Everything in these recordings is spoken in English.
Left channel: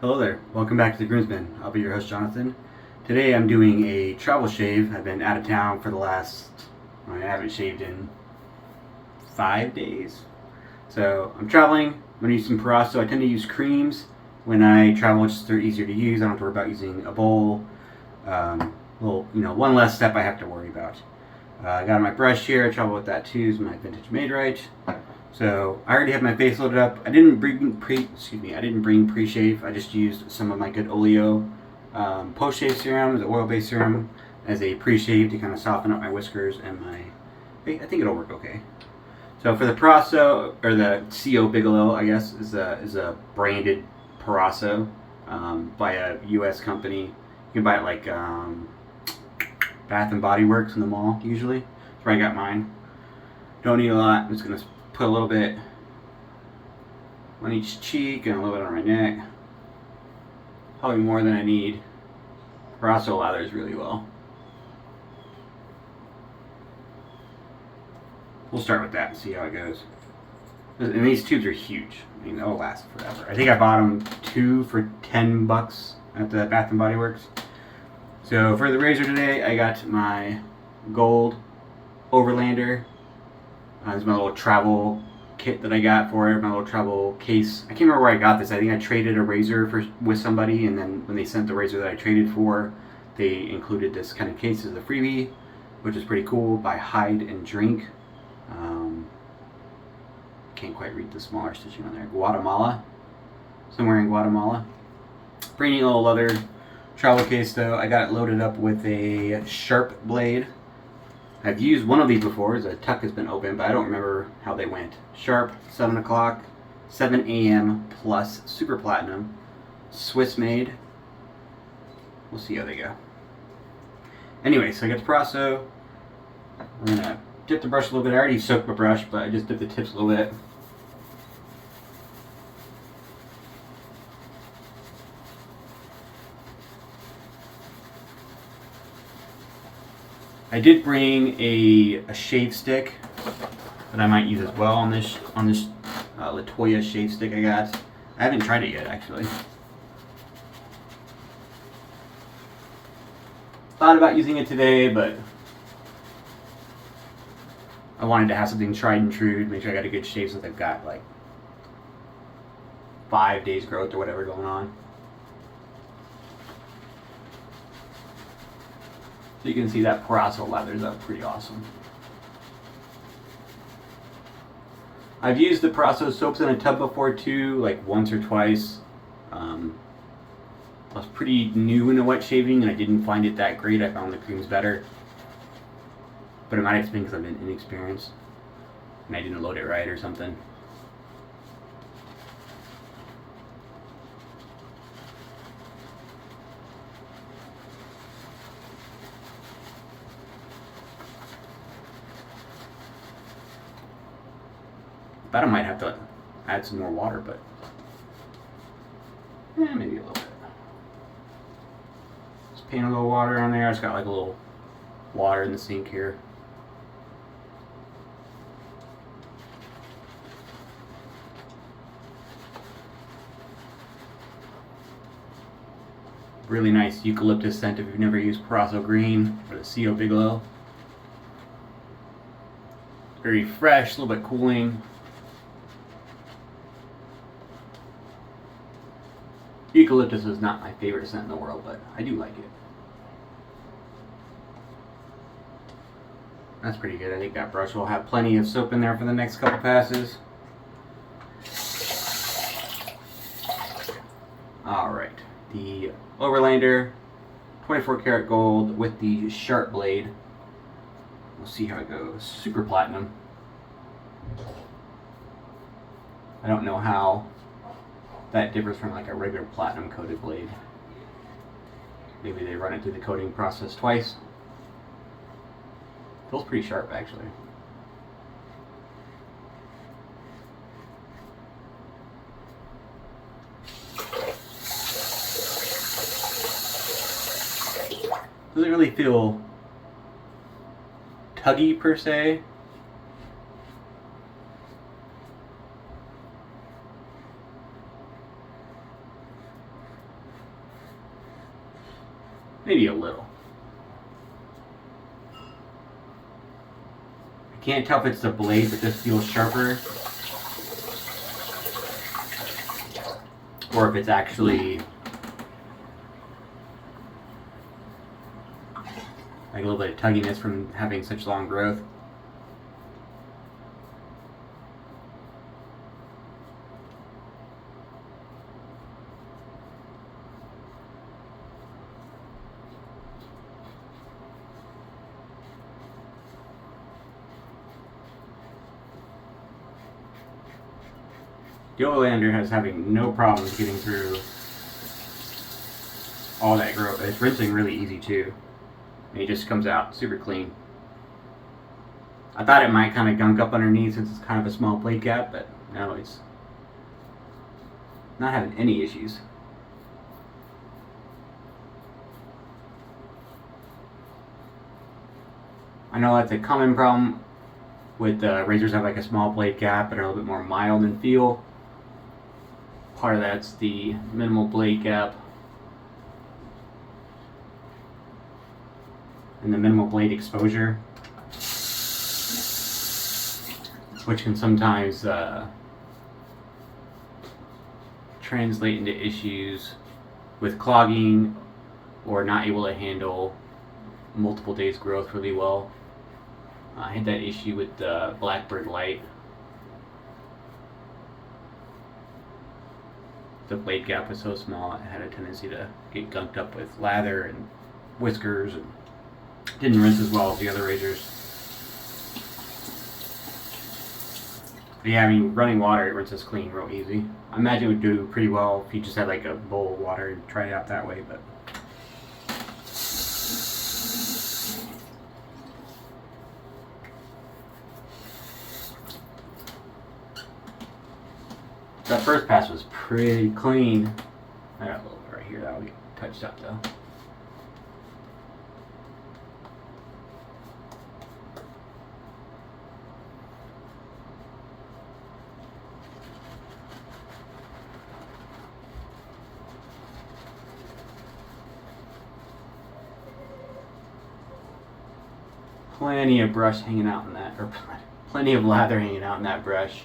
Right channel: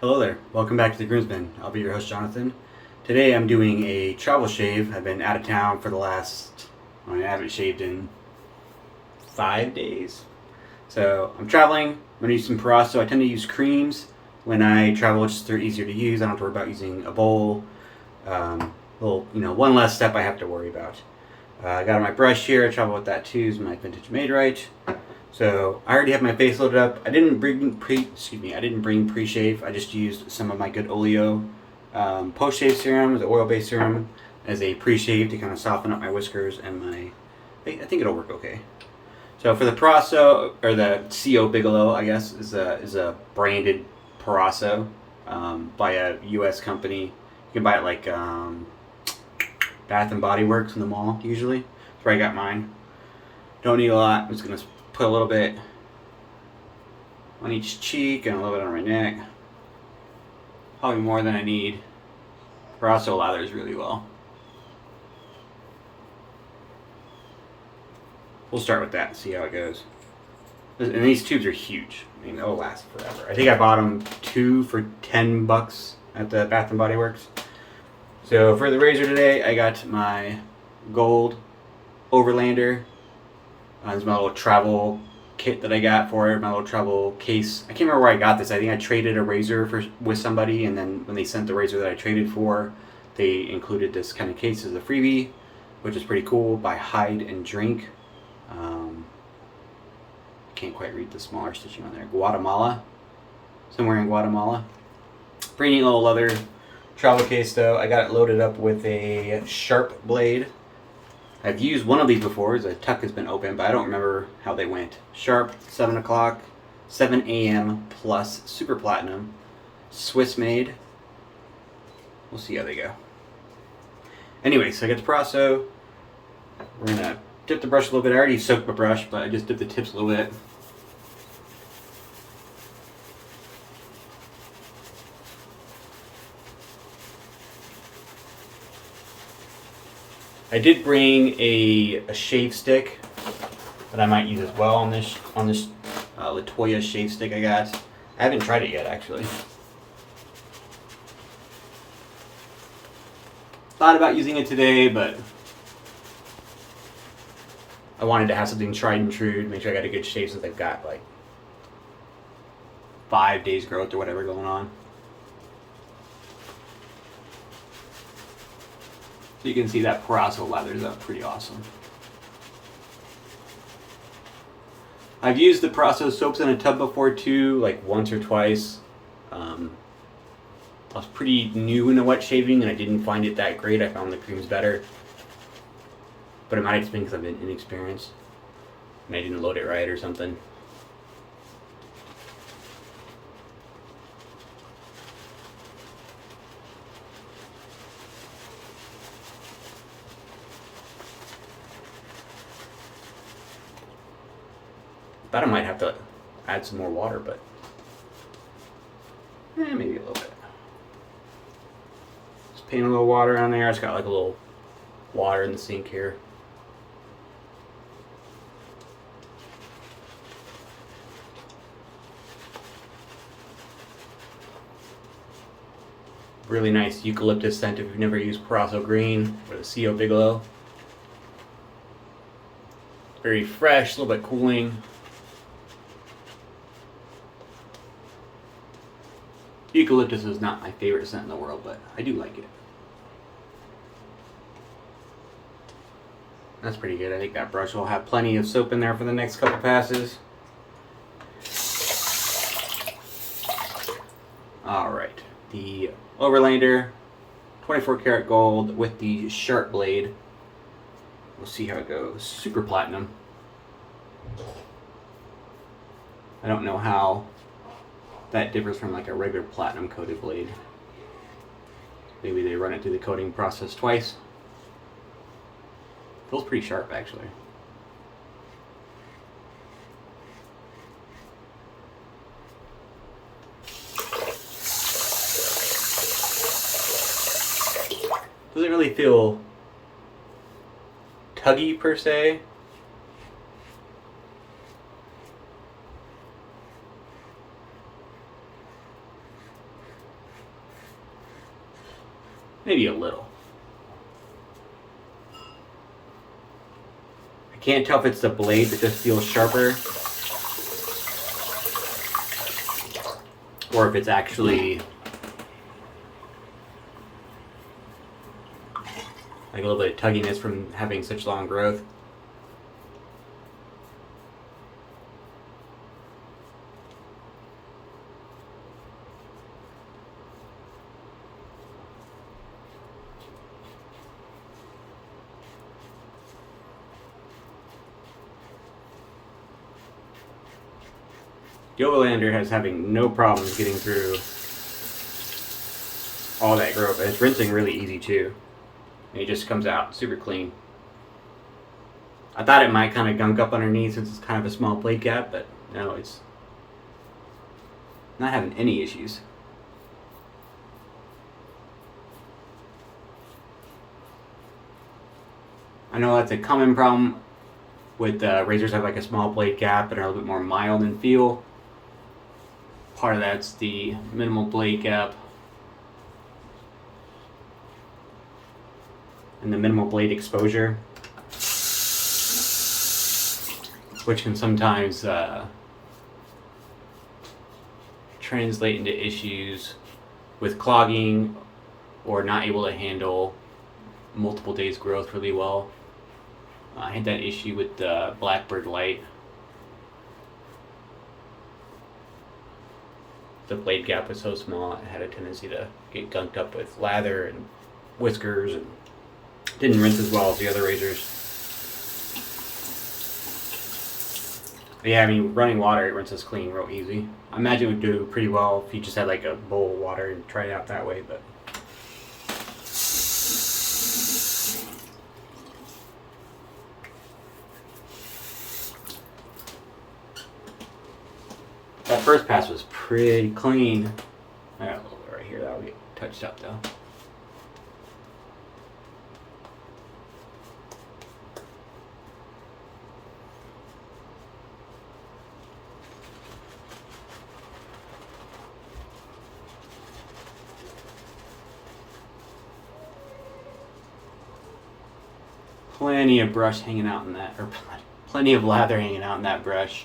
Hello there, welcome back to the Groomsmen. I'll be your host, Jonathan. Today I'm doing a travel shave. I've been out of town for the last, I haven't shaved in 5 days. So I'm traveling, I'm going to use some proraso. I tend to use creams when I travel, just they're easier to use. I don't have to worry about using a bowl. One less step I have to worry about. I got my brush here, I travel with that too, it's my vintage made right. So I already have my face loaded up. I didn't bring pre-shave. I just used some of my good Oleo post-shave serum, the oil-based serum, as a pre-shave to kind of soften up my whiskers and my. I think it'll work okay. So for the proraso or the CO Bigelow, I guess is a branded proraso by a U.S. company. You can buy it like Bath and Body Works in the mall usually. That's where I got mine. Don't need a lot. I'm just gonna put a little bit on each cheek and a little bit on my neck. Probably more than I need. Proraso lathers really well. We'll start with that and see how it goes. And these tubes are huge. I mean, they'll last forever. I think I bought them 2 for $10 at the Bath and Body Works. So for the razor today, I got my gold Overlander. This is my little travel kit that I got for it, my little travel case. I can't remember where I got this. I think I traded a razor with somebody, and then when they sent the razor that I traded for, they included this kind of case as a freebie, which is pretty cool, by Hide and Drink. Can't quite read the smaller stitching on there. Guatemala. Somewhere in Guatemala. Pretty neat little leather travel case though. I got it loaded up with a sharp blade. I've used one of these before. The tuck has been open, but I don't remember how they went. Sharp, 7 o'clock, 7 a.m. plus super platinum, Swiss made. We'll see how they go. Anyway, so I got the proraso. We're gonna dip the brush a little bit. I already soaked my brush, but I just dipped the tips a little bit. I did bring a shave stick that I might use as well on this Latoya shave stick I got. I haven't tried it yet actually. Thought about using it today, but I wanted to have something tried and true to make sure I got a good shave since I've got like 5 days growth or whatever going on. So you can see that proraso leathers up pretty awesome. I've used the proraso soaps in a tub before too, like once or twice. I was pretty new into wet shaving and I didn't find it that great. I found the creams better. But it might have just been because I've been inexperienced and I didn't load it right or something. Thought I might have to add some more water, but maybe a little bit. Just paint a little water in there. I just got like a little water in the sink here. Really nice eucalyptus scent if you've never used proraso green or the CO Bigelow. Very fresh, a little bit cooling. Eucalyptus is not my favorite scent in the world, but I do like it. That's pretty good. I think that brush will have plenty of soap in there for the next couple passes. Alright, the Overlander 24 karat gold with the sharp blade. We'll see how it goes. Super platinum. I don't know how that differs from like a regular platinum coated blade. Maybe they run it through the coating process twice. Feels pretty sharp actually. Doesn't really feel tuggy per se. maybe a little. I can't tell if it's the blade that just feels sharper, or if it's actually like a little bit of tugginess from having such long growth. The Overlander has having no problems getting through all that growth. And it's rinsing really easy too. And it just comes out super clean. I thought it might kind of gunk up underneath since it's kind of a small blade gap, but no, it's not having any issues. I know that's a common problem with razors that have like a small blade gap and are a little bit more mild in feel. Part of that's the minimal blade gap and the minimal blade exposure, which can sometimes translate into issues with clogging or not able to handle multiple days growth really well. I had that issue with the Blackbird Light. The blade gap was so small, it had a tendency to get gunked up with lather and whiskers, and didn't rinse as well as the other razors. But yeah, I mean, running water, it rinses clean real easy. I imagine it would do pretty well if you just had like a bowl of water and tried it out that way, but that first pass was pretty clean. I got a little bit right here that'll get touched up though. Plenty of brush hanging out in that, or plenty of lather hanging out in that brush.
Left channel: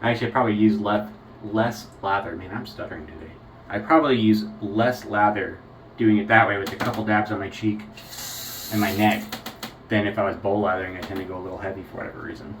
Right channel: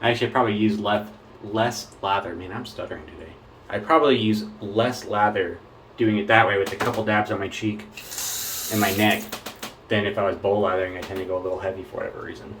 I actually probably use less lather. Man, I'm stuttering today. I probably use less lather doing it that way with a couple dabs on my cheek and my neck than if I was bowl lathering. I tend to go a little heavy for whatever reason.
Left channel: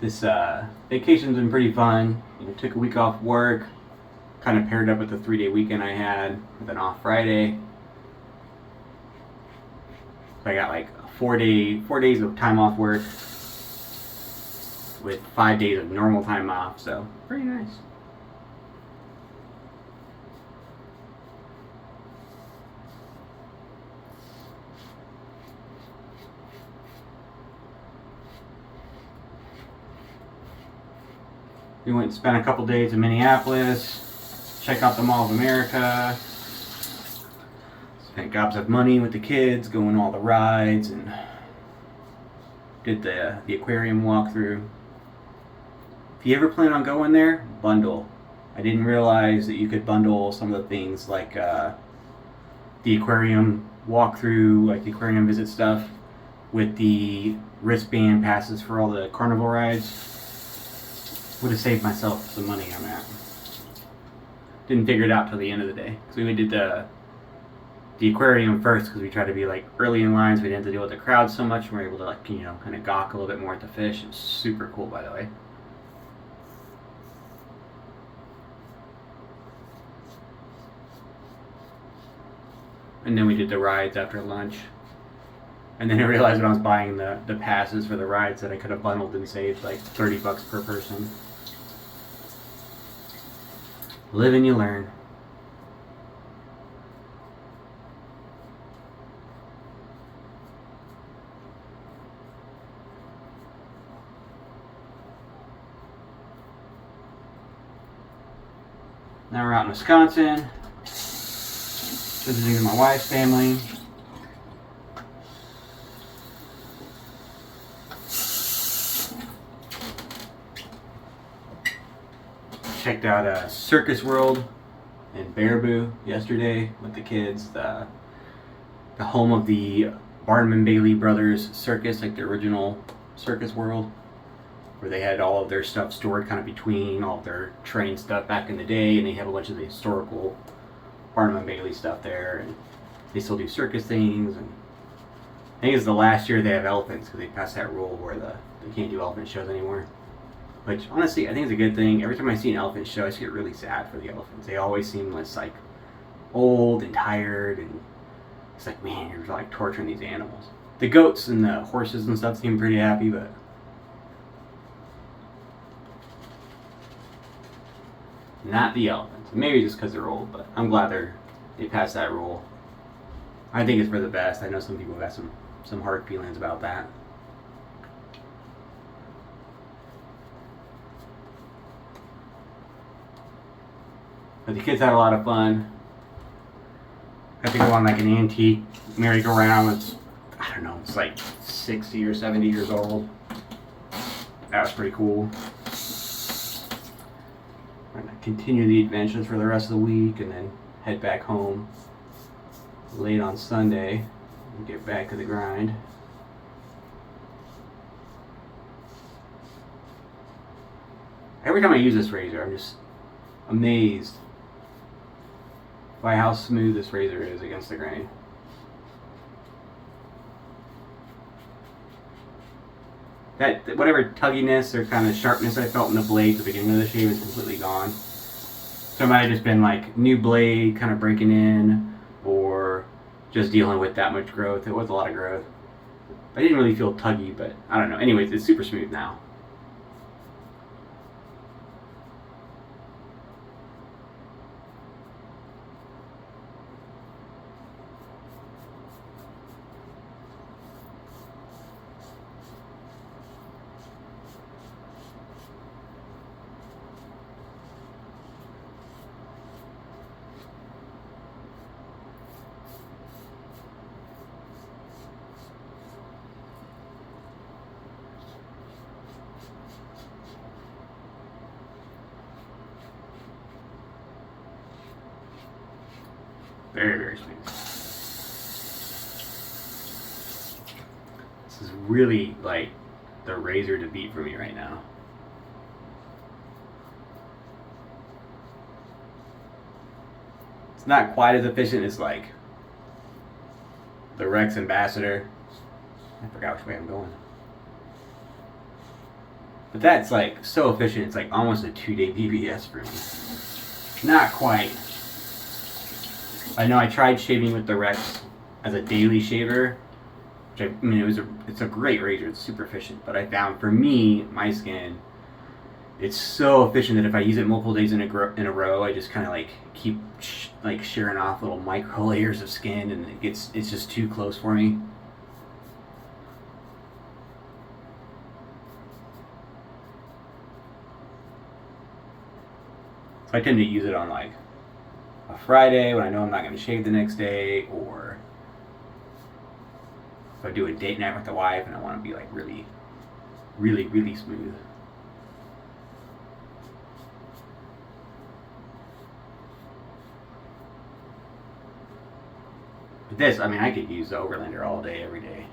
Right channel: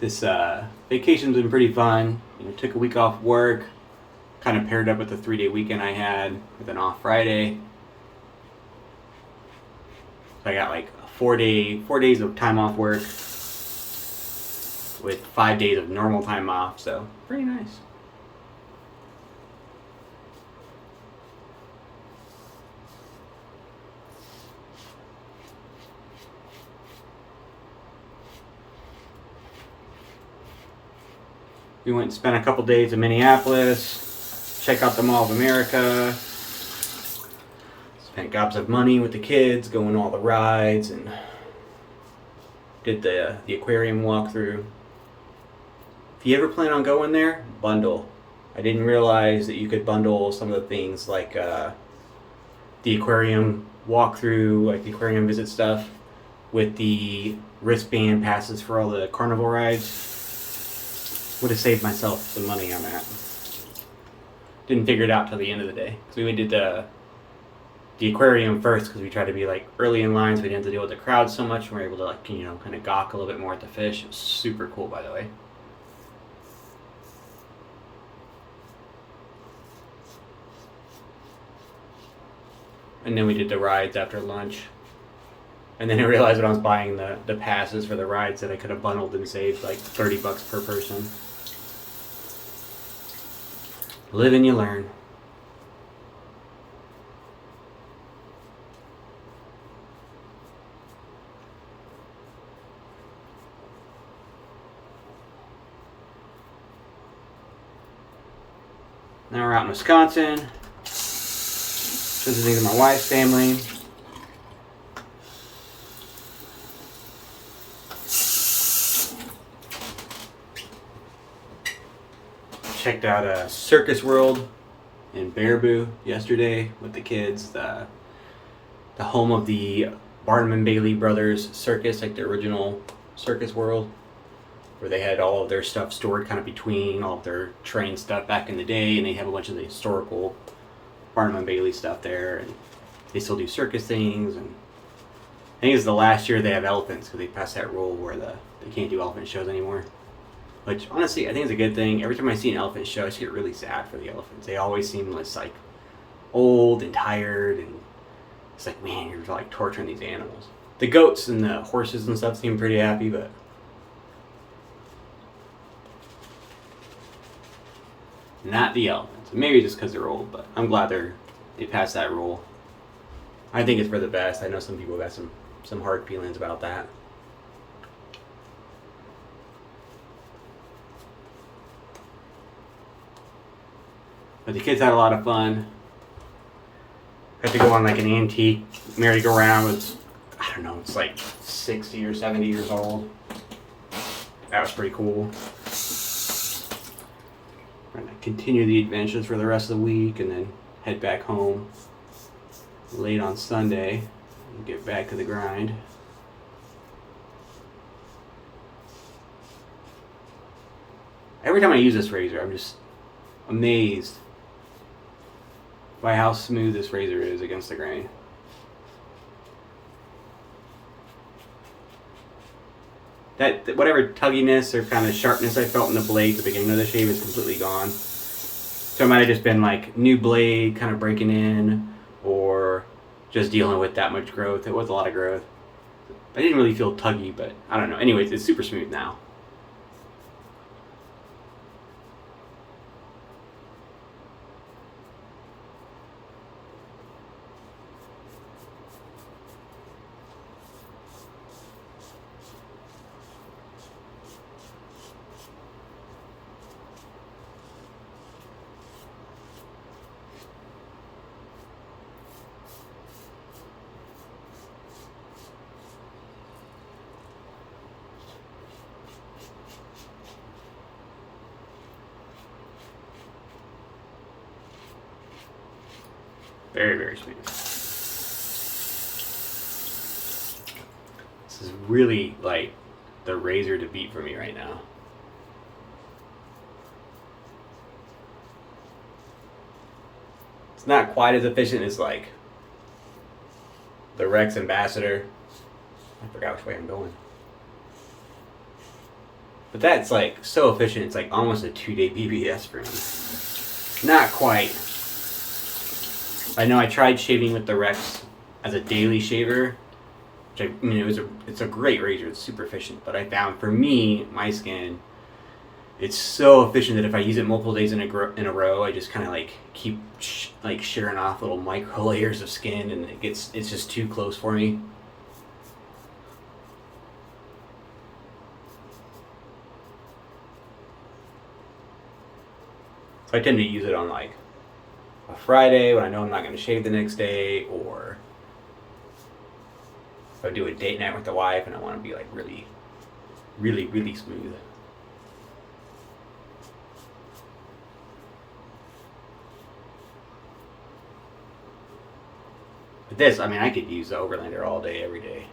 This vacation's been pretty fun. You know, took a week off work, kind of paired up with the 3-day weekend I had with an off Friday. So I got like 4 days of time off work with 5 days of normal time off, so pretty nice. We went and spent a couple days in Minneapolis, check out the Mall of America, spent gobs of money with the kids, going all the rides, and did the aquarium walkthrough. If you ever plan on going there, bundle. I didn't realize that you could bundle some of the things like the aquarium walkthrough, like the aquarium visit stuff, with the wristband passes for all the carnival rides. Would have saved myself some money on that. Didn't figure it out till the end of the day. So we did the aquarium first because we tried to be like early in line, so we didn't have to deal with the crowd so much. We were able to like, you know, kind of gawk a little bit more at the fish. It was super cool, by the way. And then we did the rides after lunch. And then I realized when I was buying the passes for the rides that I could have bundled and saved like $30 per person. Live and you learn. Now we're out in Wisconsin. visiting my wife's family. Checked out Circus World in Baraboo yesterday with the kids. The home of the Barnum and Bailey Brothers Circus, like the original Circus World, where they had all of their stuff stored kind of between all of their train stuff back in the day, and they have a bunch of the historical Barnum and Bailey stuff there, and they still do circus things. And I think it's the last year they have elephants because they passed that rule where they can't do elephant shows anymore. Which, honestly, I think it's a good thing. Every time I see an elephant show, I just get really sad for the elephants. They always seem less, like, old and tired, and it's like, man, you're, like, torturing these animals. The goats and the horses and stuff seem pretty happy, but not the elephants. Maybe just because they're old, but I'm glad they passed that rule. I think it's for the best. I know some people got some hard feelings about that. But the kids had a lot of fun. Had to go on like an antique merry-go-round. It's, I don't know, it's like 60 or 70 years old. That was pretty cool. We're gonna continue the adventures for the rest of the week and then head back home late on Sunday and get back to the grind. Every time I use this razor, I'm just amazed by how smooth this razor is against the grain. That whatever tugginess or kind of sharpness I felt in the blade at the beginning of the shave is completely gone. So it might have just been like new blade kind of breaking in, or just dealing with that much growth. It was a lot of growth. I didn't really feel tuggy, but I don't know. Anyways, it's super smooth now. Very, very smooth. This is really like the razor to beat for me right now. It's not quite as efficient as like the Rex Ambassador. I forgot which way I'm going. But that's like so efficient, it's like almost a 2-day BBS for me. Not quite. I know I tried shaving with the Rex as a daily shaver, which I mean it's a great razor, it's super efficient, but I found for me, my skin, it's so efficient that if I use it multiple days in a row, I just kind of like keep like shearing off little micro layers of skin, and it's just too close for me. So I tend to use it on like a Friday when I know I'm not going to shave the next day, or if I do a date night with the wife and I want to be like really, really, really smooth. But this, I mean, I could use the Overlander all day, every day.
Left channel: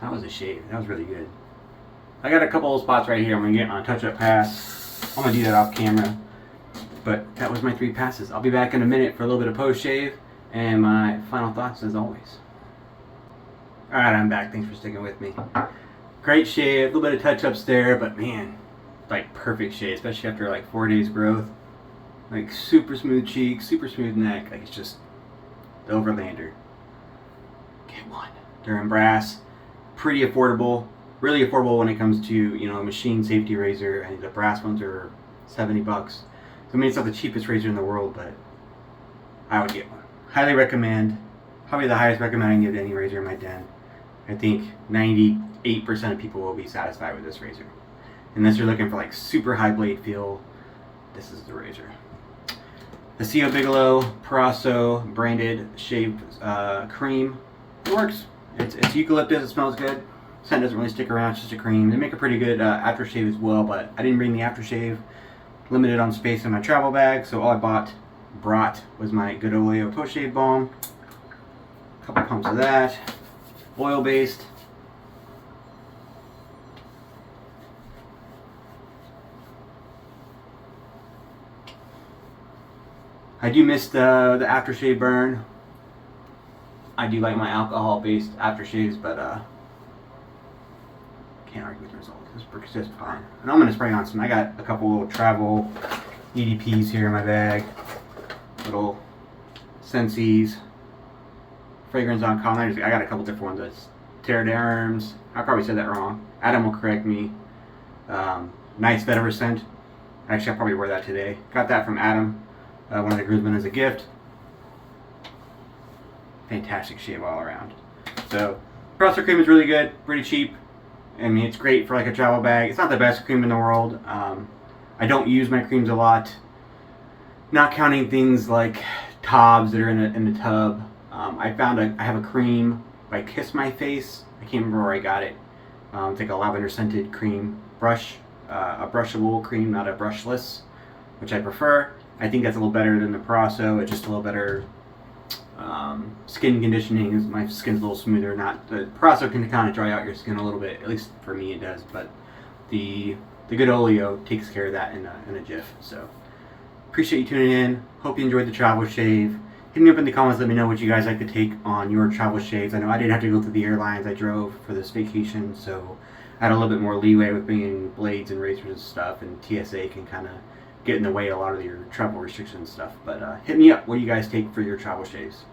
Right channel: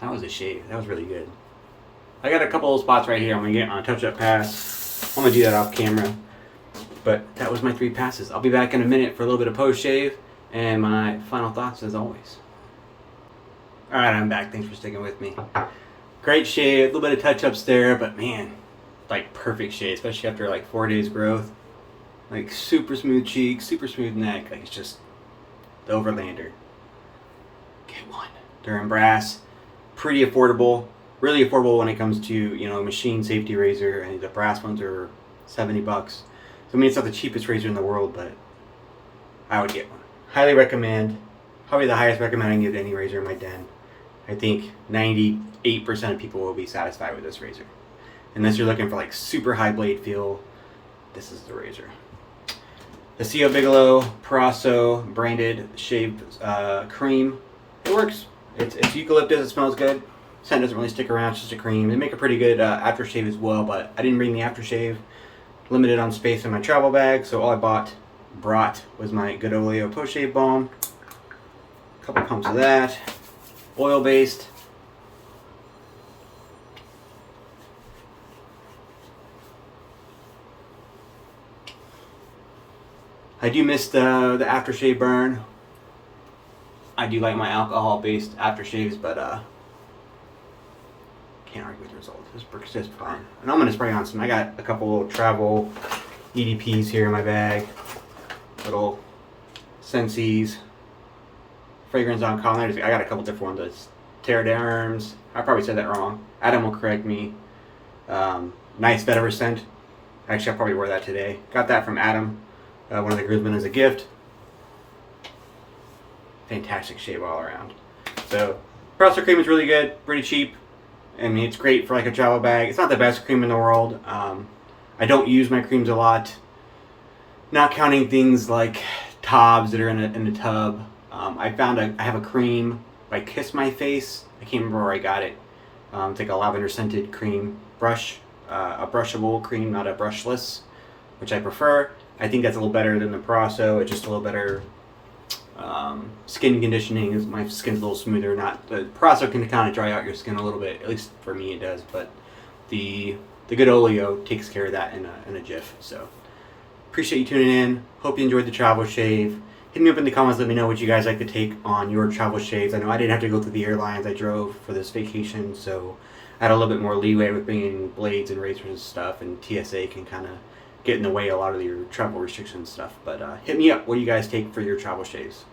That was a shave. That was really good. I got a couple of spots right here I'm going to get on a touch-up pass. I'm going to do that off camera. But that was my 3 passes. I'll be back in a minute for a little bit of post-shave and my final thoughts as always. Alright, I'm back. Thanks for sticking with me. Great shave. A little bit of touch-ups there, but man, like perfect shave, especially after like 4 days growth. Like super smooth cheeks, super smooth neck. Like it's just the Overlander. Get one. They're in brass. Pretty affordable, really affordable when it comes to, you know, a machine safety razor. I think the brass ones are $70. So I mean, it's not the cheapest razor in the world, but I would get one. Highly recommend. Probably the highest recommend I can give to any razor in my den. I think 98% of people will be satisfied with this razor. Unless you're looking for like super high blade feel, this is the razor. The Bigelow proraso branded shave cream. It works. It's eucalyptus. It smells good. Scent doesn't really stick around. It's just a cream. They make a pretty good aftershave as well, but I didn't bring the aftershave. Limited on space in my travel bag, so all I brought was my good Oleo post-shave balm. A couple pumps of that. Oil based. I do miss the aftershave burn. I do like my alcohol-based aftershaves, but can't argue with the results. This works just fine. And I'm gonna spray on some. I got a couple little travel EDPs here in my bag. Little Sensi's fragrance on collar. I got a couple different ones. Pteroderms. I probably said that wrong. Adam will correct me. Nice vetiver scent. Actually, I'll probably wear that today. Got that from Adam, one of the groomsmen, as a gift. Fantastic shave all around. So, proraso cream is really good. Pretty cheap. I mean, it's great for like a travel bag. It's not the best cream in the world. I don't use my creams a lot. Not counting things like tobs that are in a tub. I found I have a cream by Kiss My Face. I can't remember where I got it. It's like a lavender scented cream brush. A brushable cream, not a brushless, which I prefer. I think that's a little better than the proraso. It's just a little better skin conditioning. My skin's a little smoother. Not the proraso can kind of dry out your skin a little bit. At least for me, it does. But the good Oleo takes care of that in a jiff. So appreciate you tuning in. Hope you enjoyed the travel shave. Hit me up in the comments. Let me know what you guys like to take on your travel shaves. I know I didn't have to go through the airlines. I drove for this vacation, so I had a little bit more leeway with bringing blades and razors and stuff. And TSA can kind of get in the way a lot of your travel restrictions stuff. But hit me up. What do you guys take for your travel shaves?